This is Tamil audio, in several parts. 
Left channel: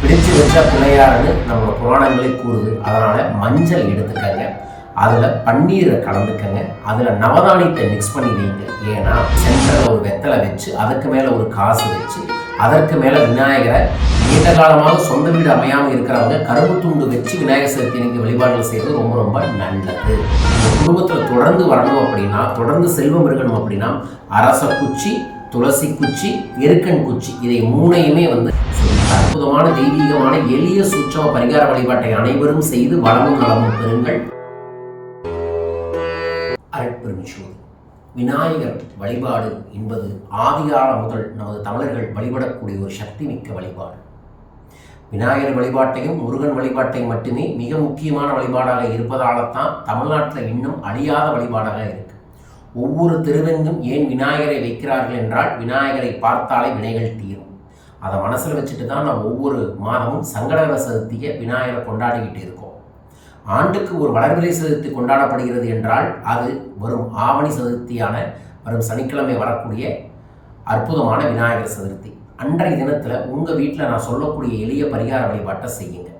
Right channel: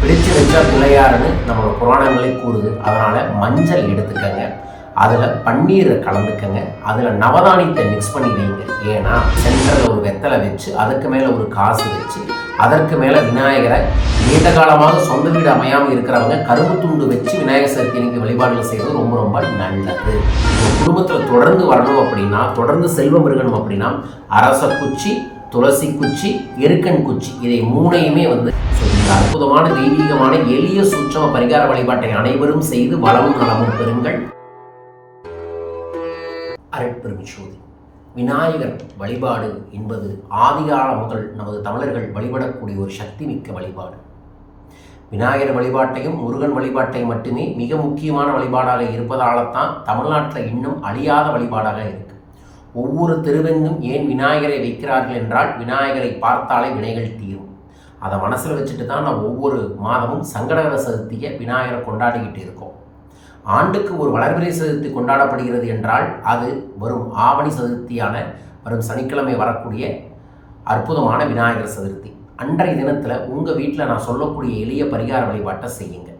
பிடிச்சு வச்ச பிள்ளையாருன்னு நம்மளோட புராணங்களே கூறுது. அதனால் மஞ்சள் எடுத்துக்கங்க. அதில் பன்னீரை கலந்துக்கங்க. அதில் நவதானியத்தை மிக்ஸ் பண்ணி வைங்க. ஏன்னா சென்டரில் ஒரு வெத்தலை வச்சு அதுக்கு மேலே ஒரு காசு வச்சு அதற்கு மேலே விநாயகரை நீண்ட காலமாக சொந்த வீடு அமையாமல் இருக்கிறவங்க கரும்பு துண்டு வச்சு விநாயகர் சதுர்த்தி நீங்கள் வழிபாடுகள் செய்வது ரொம்ப ரொம்ப நல்லது. குடும்பத்தில் தொடர்ந்து வரணும் அப்படின்னா தொடர்ந்து செல்வம் இருக்கணும் அப்படின்னா அரச குச்சி துளசி குச்சி எருக்கன் குச்சி இதை மூணையுமே வந்து இந்த அற்புதமான தெய்வீகமான எளிய சூட்சம பரிகார வழிபாட்டை அனைவரும் செய்து வளமும் நலமும் பெறுங்கள். அரைப்பெருமிச்சோதி விநாயகர் வழிபாடு என்பது ஆதிகால முதல் நமது தமிழர்கள் வழிபடக்கூடிய ஒரு சக்தி மிக்க வழிபாடு. விநாயகர் வழிபாட்டையும் முருகன் வழிபாட்டையும் மட்டுமே மிக முக்கியமான வழிபாடாக இருப்பதால்தான் தமிழ்நாட்டில் இன்னும் அழியாத வழிபாடாக இருக்கு. ஒவ்வொரு தெருவெங்கும் ஏன் விநாயகரை வைக்கிறார்கள் என்றால் விநாயகரை பார்த்தாலே வினைகள் தீரும். அதை மனசில் வச்சுட்டு தான் நம்ம ஒவ்வொரு மாதமும் சங்கடகர சதுர்த்தியை விநாயகரை கொண்டாடிக்கிட்டு இருக்கோம். ஆண்டுக்கு ஒரு வளர்பிறை சதுர்த்தி கொண்டாடப்படுகிறது என்றால் அது வரும் ஆவணி சதுர்த்தியான வரும் சனிக்கிழமை வரக்கூடிய அற்புதமான விநாயகர் சதுர்த்தி. அன்றைய தினத்தில் உங்கள் வீட்டில் நான் சொல்லக்கூடிய எளிய பரிகார வழிபாட்டை செய்யுங்க.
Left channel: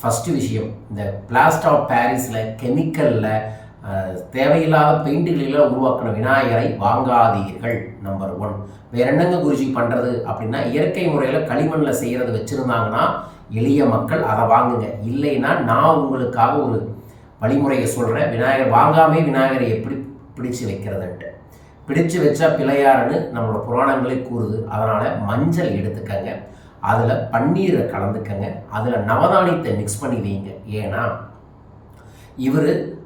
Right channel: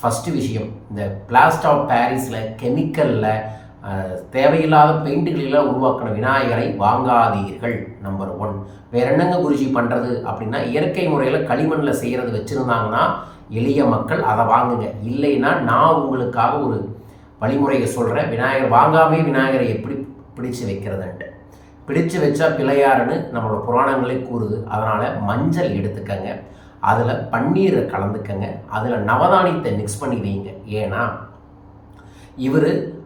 ஃபஸ்ட்டு விஷயம் இந்த பிளாஸ்ட் ஆஃப் பாரிஸில் கெமிக்கலில் தேவையில்லாத பெயிண்ட்டுகளெல்லாம் உருவாக்கின விநாயகரை வாங்காதீர்கள் நம்பர் ஒன் வேற என்னங்க குருஜி பண்ணுறது அப்படின்னா இயற்கை முறையில் களிமண்ணில் செய்கிறது வச்சுருந்தாங்கன்னா எளிய மக்கள் அதை வாங்குங்க. இல்லைன்னா நான் உங்களுக்காக ஒரு வழிமுறையை சொல்கிறேன் விநாயகர் வாங்காமே விநாயகரை எப்படி பிடிச்சு வைக்கிறதுன்ட்டு. பிடிச்சு வச்சா பிள்ளையாருன்னு நம்மளோட புராணங்களே கூறுது. அதனால் மஞ்சள் எடுத்துக்கங்க. அதில் பன்னீரை கலந்துக்கங்க. அதில் நவதானியத்தை மிக்ஸ் பண்ணி வைங்க. ஏன்னா இவர்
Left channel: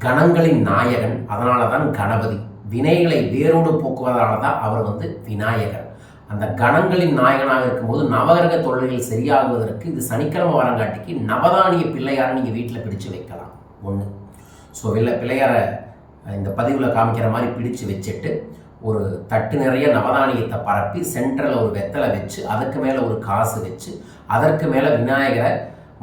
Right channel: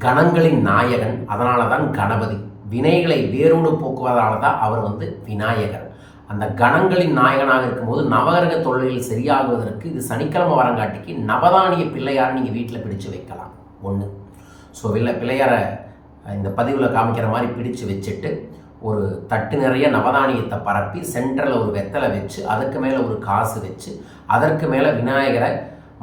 கணங்களின் நாயகன் அதனால தான் கணபதி. வினைகளை வேரோடு போக்குவதால தான் அவர் வந்து விநாயகர். அந்த கணங்களின் நாயகனாக இருக்கும்போது நவகிரக தொழில்கள் சரியாகுவதற்கு இது சனிக்கிழமை வரங்காட்டிக்கு நவதானிய பிள்ளையாரை நீங்கள் வீட்டில் பிடிச்சு வைக்கலாம். ஒன்று ஸோ வெளில பிள்ளையாரை இந்த பதிவில் காமிக்கிற மாதிரி பிடிச்சு வச்சுட்டு ஒரு தட்டு நிறைய நவதானியத்தை பரப்பி சென்டரில் ஒரு வெத்தலை வச்சு அதுக்கு மேலே ஒரு காசு வச்சு அதற்கு மேலே விநாயகரை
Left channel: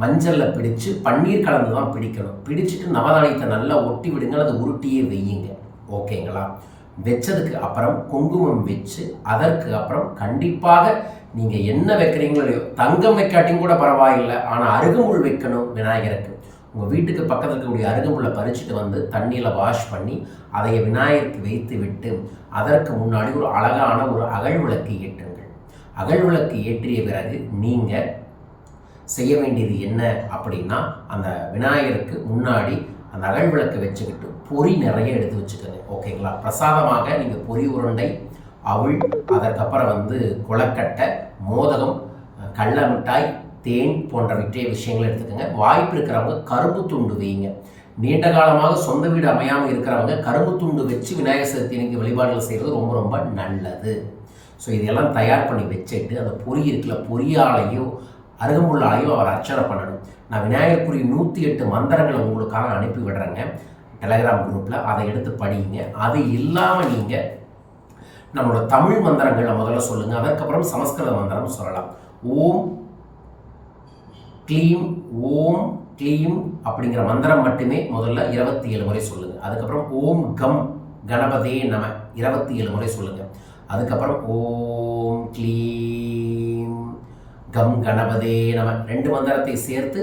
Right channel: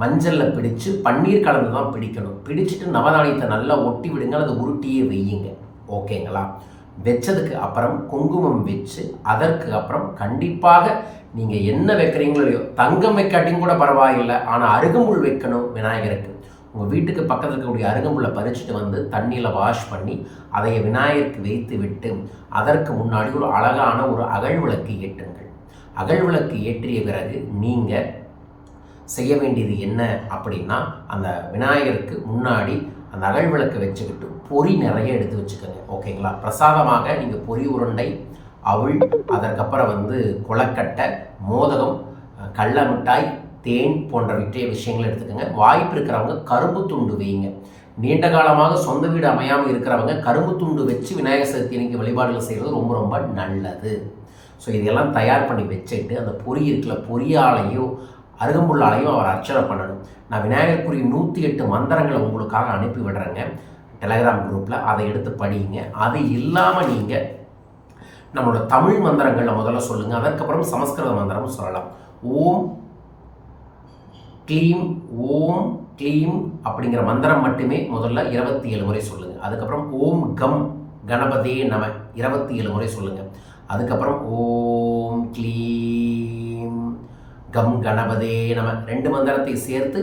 மஞ்சளில் பிடிச்சு பன்னீர் கலந்து தான் பிடிக்கணும். பிடிச்சிட்டு நவதானியத்தை நல்லா ஒட்டி விடுங்க அல்லது உருட்டியே வையுங்க. ஓகேங்களா? வச்சதுக்கு அப்புறம் குங்குமம் வச்சு அதற்கு அப்புறம் கண்டிப்பாக நீங்கள் என்ன வைக்கிறீங்களோ தங்கம் வைக்காட்டியும் கூட பரவாயில்லை ஆனால் அருகம்புல் வைக்கணும் விநாயகருக்கு. உங்கள் வீட்டுக்கு பக்கத்தில் இருக்கக்கூடிய அருகம்புல்லை பறிச்சுட்டு வந்து தண்ணியில் வாஷ் பண்ணி அதை விநாயகருக்கு வைத்து விட்டு அதற்கு முன்னாடி ஒரு அழகான ஒரு அகழ்விளக்கு ஏற்றுங்கள். அகழ்விளக்கு ஏற்றிய பிறகு நீங்கள் செய்ய வேண்டியது என்ன அப்படின்னா அந்த விநாயகருக்கு முன்னாடி அந்த அகல் விளக்கு வச்சுக்கிட்டு பொறி நிறைய எடுத்து வச்சுக்கோங்க ஓகேங்களா? பிரசாதமாக நீங்கள் பொறி உருண்டை அவள் அதற்கப்புறம் வந்து கொலக்கட்டை மோதகம் கடல மிட்டாய் தேன் போன்ற விற்றைய விஷயங்களை எடுத்துக்கோங்க. வாய்ப்பு இருக்கிறவங்க கரும்பு துண்டு வைங்க நீண்ட காலமாக சொந்த வீடு அமையாமல் இருக்கிறவங்க கரும்பு துண்டு வச்சு விநாயகர் சதுர்த்தி நீங்கள் வழிபாடுகள் செய்கிறது ரொம்ப ரொம்ப நல்லது. ஸோ இதெல்லாம் தயார் பண்ணி வச்சுட்டு அந்த பொறி இருக்கிற பொறியாலையோ அருகம்புல்லாலையும் அவர் அர்ச்சனை பண்ணணும் நான் விநாயகருக்குரிய நூற்றி எட்டு மந்திரங்களை உங்களுக்காக அனுப்பி விடுறேங்க. டெலகிராம் குரூப்பில் அதை எடுத்து படியுங்க அது இல்லாமல் நீங்கள் நம்மளோட தமிழ் மந்திரங்களை முதல்ல சொல்லுங்கள் அதற்கப்புறம் சமஸ்கிருத மந்திரம் சொல்லலாம். ஓம் க்ளீம் ஓம் க்ளீம் அப்படிங்கிற மந்திரம் மட்டுமே முதல்ல இருபத்தி ஏழு முறை சொல்லுங்கள் அதுக்கப்புறம் ஓம் கம் கணபதே நம இருபத்தி ஏழு முறை சொல்லுங்கள் அதுக்கப்புறம் ஓம் க்ளீம். கம் கணபதே நம. ரெண்டு மந்திரத்தை சேர்த்து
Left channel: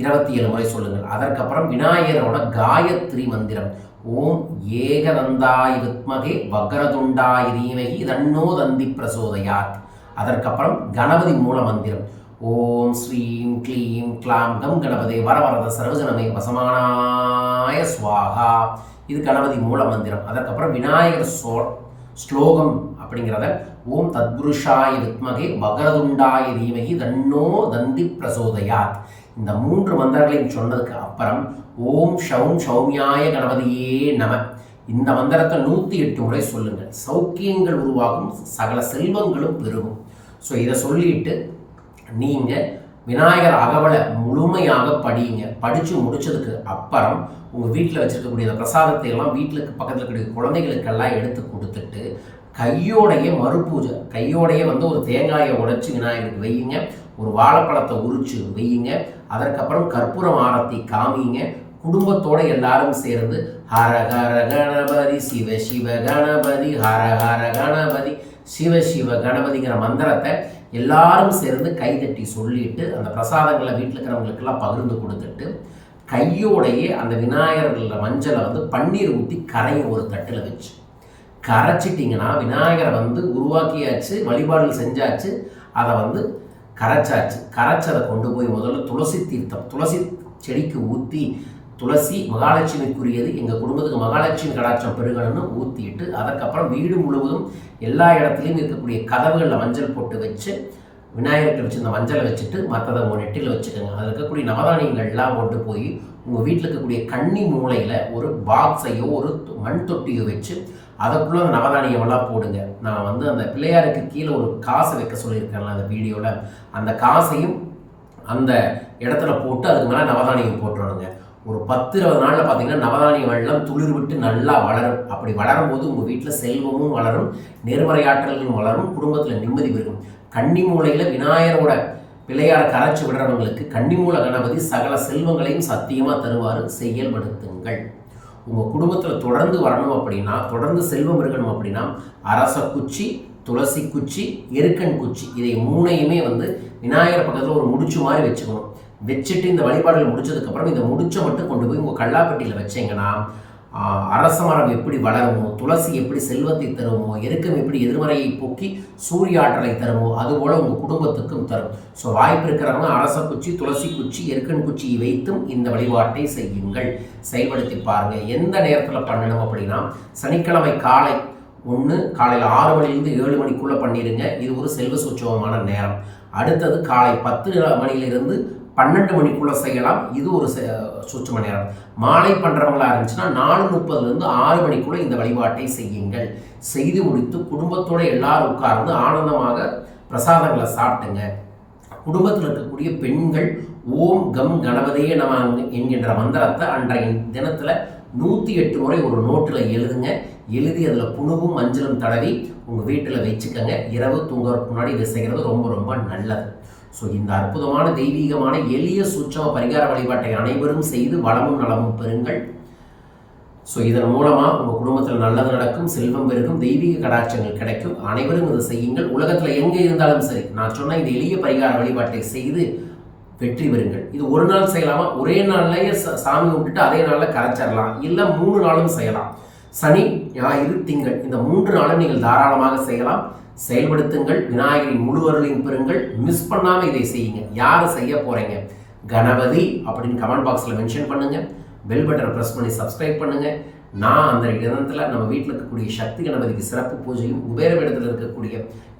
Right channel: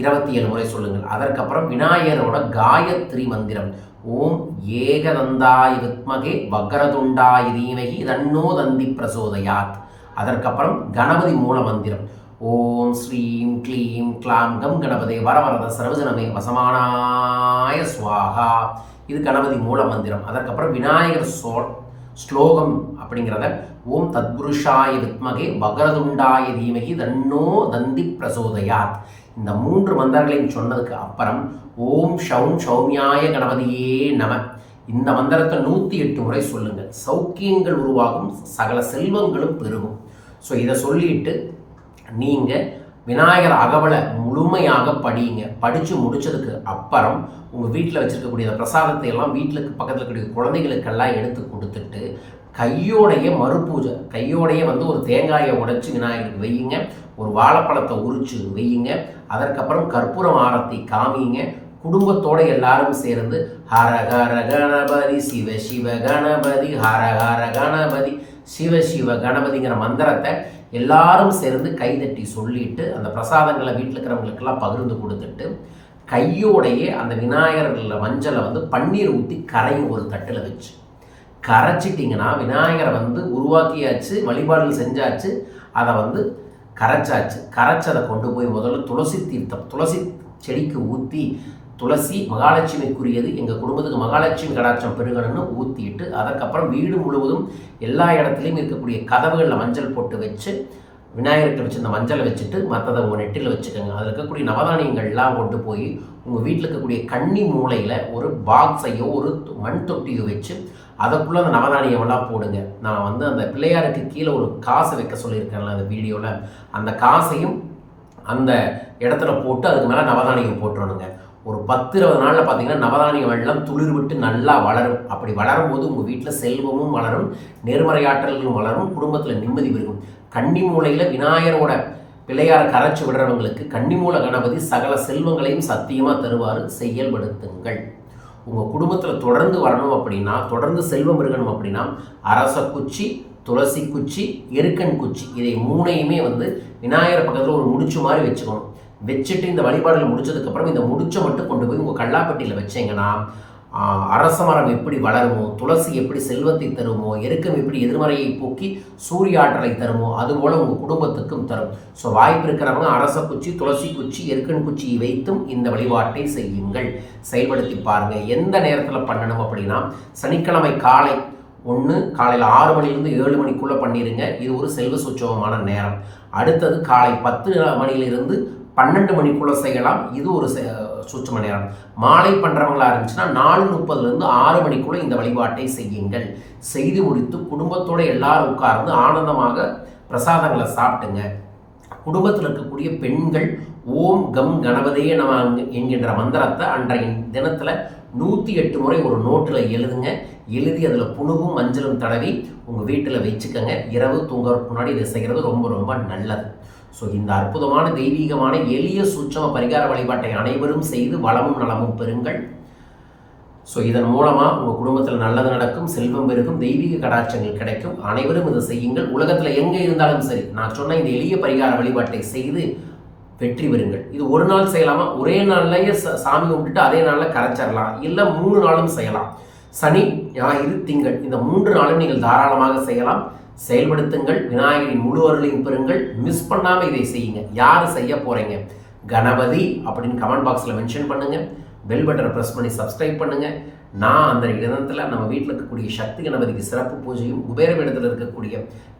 இருபத்தி ஏழு முறை சொல்லுங்கள். அதற்கப்புறம் விநாயகரோட காயத்ரி மந்திரம். ஓம் ஏகதந்தாய் வித்மகே வக்ரதுண்டாய் தீமகி தன்னோ தந்தி பிரசோதயாத். அதற்கப்புறம் கணபதி மூல மந்திரம். ஓம் ஸ்ரீம் க்ளீம் க்ளாம் கம் கணபதே வரவரத சர்வஜனமே வசமானாய ஸ்வாகா இது கணபதி மூல மந்திரம். அதற்கப்புறம் விநாயகர் சோ ஸ்லோகம் அப்படிங்கிறத ஓம் தத்புருஷாய வித்மகே வக்ரதுண்டாய தீமகி தன்னோ தந்தி பிரசோதயாத். இந்த மூன்று மந்திரங்களையும் சொன்னதுக்கு அப்புறம் ஓம் ஷௌம் சௌமியாய கணபதியே நம. இந்த மந்திரத்தை நூற்றி எட்டு முறை சொல்லுங்கள் சௌக்கியங்கள் உருவாகும் சகல செல்வங்களும் பெருகும். ஸோ இதை சொல்லிட்டு நீங்கள் விநாயகர் அகவலை முழுமையாக படியுங்க படித்து முடித்ததுக்கு அப்புறம் உங்கள் வீட்டில் வச்சுருக்கக்கூடிய அந்த பிரசாதத்தை எல்லாம் வீட்டுக்கு பக்கத்தில் இருக்கக்கூடிய குழந்தைகளுக்கெல்லாம் எடுத்து கொடுத்துட்டு கையோடைய மறுபூஜை கையோடைய வந்து ஒரு தேங்காயை உடைச்சி விநாயகருக்கு வையுங்க. ஒரு வாழைப்பழத்தை உரிச்சு வையுங்க. அதற்கப்புறம் கற்பூரம் ஆரத்தி காமிங்க. குடும்பத்தோடு எல்லாரும் சேர்ந்து ஹர ஹர கணபதி சிவ சிவ கணபதி ஹர ஹர கணபதி சிவ சிவ கணபதிங்கிற மந்திரத்தை எல்லாரும் சேர்ந்து கைதட்டி சொல்லிட்டு அந்த பிரசாதங்களை வீட்டில் இருக்கிறவங்களுக்கெல்லாம் பகிர்ந்து கொடுத்துட்டு கையோடையே அந்த விநாயகர்களில் மஞ்சளை வந்து பன்னீர் ஊற்றி கரையும் ஒரு தட்டில் வச்சு. கரைச்சிட்டிங்கன்னா விநாயகரை வந்து உருவாக்கியாச்சு வழிபாடுகள் செஞ்சாச்சு அதை வந்து கரைச்சாச்சு. கரைச்சதை கொண்டு போய் முதல்ல துளசி தீர்த்தம் துளசி செடிக்கு ஊற்றி துளசி மகாலட்சுமிக்குரியது. எங்கள் குடும்பத்துக்கு மகாலட்சுமி கடாட்சம் பெருகணும்னு ஊற்றிட்டு அதுக்கப்புறம் வீடு முழுவதும் எல்லா இடத்துலையும் இருக்கக்கூடிய கதவுகளில் மஞ்சள் போட்டு வச்சு விநாயகர்கிட்ட வச்சு இந்த மஞ்சளை வச்சுட்டு மற்றதை உங்கள் நெட்டில் வச்சுக்கோங்க. அதில் இருக்கக்கூடிய நவதானியங்கள்லாம் கொண்டு போய் உங்கள் வீட்டில் இருக்கக்கூடிய கன்னி மூலையில் ஒரு பாக்ஸையோ ஒரு மண் தொட்டியோ வச்சு அதுக்குள்ளே அந்த நவதானியமெல்லாம் போடுங்க. நான் வந்து அந்த பிள்ளையாருக்கு கீழே ஒரு காசை வைக்க சொல்லியிருக்கேன்ல அந்த வீடியோவில் அந்த காசையும் அந்த இடத்துல போட்டு அதுக்கு மேலே நவதானியம் போட்டுறணுங்க. ஒரு பத்து இருபது நாளில் பார்த்தீங்கன்னா நவதானிய வெள்ளம் துளிர் விட்டு நல்லா வளரும். அப்படி வளரும் போது உங்கள் வீட்டில் செல்வமும் வளரும் நேர்மறை ஆற்றல்களும் வளரும் குடும்பத்தில் நிம்மதி பெருகும். கன்னி மூலையில் விநாயகரோட பிள்ளையாரை கரைச்சி விடுறவங்களுக்கு கன்னிமூல கணபதி சகல செல்வங்களையும் சத்தியமாக தருவார். செயல்படுத்துங்கள். உங்கள் குடும்பத்தில் தொடர்ந்து வரணும் அப்படின்னா தொடர்ந்து செல்வம் இருக்கணும் அப்படின்னா அரச குச்சி துளசி குச்சி எருக்கன் குச்சி இதை மூணையுமே வந்து விநாயகர் பக்கத்தில் ஒரு முடிச்சு மாதிரி வச்சுக்கணும். வச்சுட்டு இந்த வழிபாடுகள் முடிச்சதுக்கப்புறம் இந்த முடிச்சை மட்டும் கொண்டு போய் உங்கள் கல்லாப்பட்டியில் வச்சீங்கன்னா அரச மரம் எப்படி வளருமோ துளசி எப்படி செல்வத்தை தருமோ எருக்கம் எப்படி எதிர்மறையை போக்கி சூரிய ஆற்றலை தருமோ அதுபோல் உங்கள் குடும்பத்துக்கும் தரும். ஸோ வாய்ப்பு இருக்கிறவங்க அரச குச்சி துளசி குச்சி எருக்கன் குச்சியை வைத்தும் இந்த வழிபாட்டை செய்யுங்கள். செயல்படுத்தி பாருங்கள் எந்த நேரத்தில் பண்ணணும் அப்படின்னா சனிக்கிழமை காலை ஒன்று காலையில் ஆறு மணிலேருந்து ஏழு மணிக்குள்ளே பண்ணிடுங்க இது ஒரு செல்வ சுச்சவமான நேரம். அடுத்தது காலை பத்து மணியிலிருந்து பன்னெண்டு மணிக்குள்ளே செய்யலாம். இது ஒரு சுற்றும நேரம். மாலை பண்ணுறவங்களா இருந்துச்சுன்னா நாலு முப்பதுலேருந்து ஆறு மணிக்குள்ளே இந்த வழிபாட்டை செய்யுங்கள். செய்து முடித்து குடும்பத்தோடு எல்லாரும் உட்கார்ந்து ஆனந்தமாக பிரசாதங்களை சாப்பிட்டுங்க. குடும்பத்தில் இருக்கக்கூடிய பெண்கள் ஓம் கம் கணபதியே நம என்கின்ற மந்திரத்தை அன்றைய தினத்தில் நூற்றி எட்டு முறை ஒரு நோட்டில் எழுதுங்க. எழுதி அதில் புணுகும் மஞ்சளும் தடவி உங்கள் வீட்டில் வச்சுக்கோங்க. இரவு தூங்குறதுக்கு முன்னாடி இதை செய்கிறது ரொம்ப ரொம்ப நல்லது. ஸோ இந்த அற்புதமான தெய்வீகமான எளிய சூட்சம பரிகார வழிபாட்டை அனைவரும் செய்து வளமும் நலமும் பெறுங்கள். ஸோ இதன் மூலமாக உங்கள் குடும்பத்தில் நல்லது நடக்கும் செல்வம் பெருகும் தெய்வீக கடாட்சங்கள் கிடைக்கும். அனைவரும் இதை செய்யுங்கள். உலகத்தில் எங்கே இருந்தாலும் சரி நான் சொன்ன இந்த எளிய பரிகார வழிபாட்டை செய்து வெற்றி பெறுங்கள். இது ஒரு நாள் செய்யலாமா? ஒரே நாள்லயே சாமி கும்பிட்டுட்டு அதே நாளில் கரைச்சிடலாம் இல்லை மூணு நாளும் செய்யலாம். சனி ஞாயிறு திங்கள் இந்த மூன்று நாளும் நீங்கள் தாராளமாக செய்யலாம். செயல்படுத்துங்கள் விநாயகரின் முழு அருளையும் பெறுங்கள் மிஸ் பண்ணாமல் இதை செய்யுங்க. யார் செய்ய போகிறீங்க கணபதி அப்படின்னு கமெண்ட் பாக்ஸில் மென்ஷன் பண்ணுங்கள் பெல் பட்டனை ப்ரெஸ் பண்ணி சப்ஸ்கிரைப் பண்ணுங்கள் நான் அந்த இடத்துல நம்ம வீட்டில் இருக்கக்கூடிய சக்தி கணபதிக்கு சிறப்பு பூஜையும் குபேரபீடத்தில் இருக்கக்கூடிய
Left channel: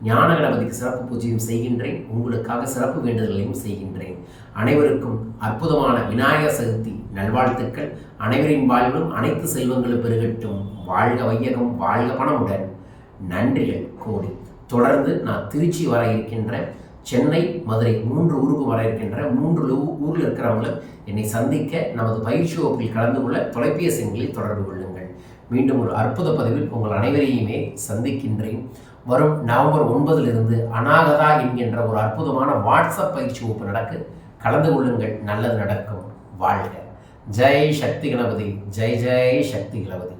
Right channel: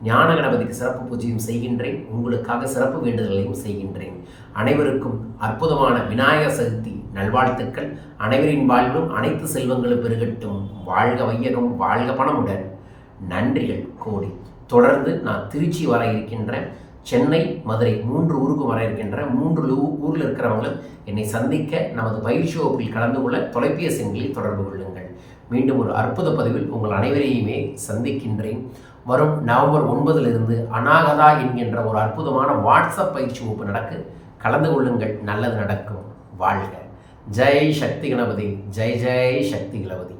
ஞான கணபதிக்கு சிறப்பு பூஜையும் செய்கின்றேன். உங்களுக்காக சிறப்பு வேண்டுதல்களையும் செய்கின்றேன். அனைவருக்கும் அற்புதமான விநாயகர் சதுர்த்தி நல்வாழ்த்துக்கள். அனைவரின் வாழ்விலும் அனைத்து செல்வங்களும் பெருகட்டும். வாழ்க வையகம் வாழ்க பணமுடன். நன்றிகள் கோடி. தொடர்ந்து நான் திருச்சி வர இருக்கின்றேன் சென்னை மதுரை மூன்று ஊருக்கு வர இருக்கின்ற மூன்று ஊரில் இருக்கிறவங்களும் என்னை சந்திக்க நமது பயிற்சி வகுப்பில் கலந்து கொள்ள தொலைபேசி எண்களில் தொடர்பு கொள்ளுங்கள். மீண்டும் ஒரு அற்புத பதிவில் உங்கள் அனைவரையுமே சந்திக்கின்றேன். வரும் நவம்பர் ஒன்பதிலிருந்து அநாகதா என்கின்ற ஒரு அற்புதமான வாட்ஸ்அப் பயிற்சி வகுப்பு நடக்கு. கலந்து கொள்ளுங்கள் நல்லது நடக்கும். வாழ்க. ஜெய் சக்தி கணபதி ஜெய் ஜெய் சக்தி கணபதி.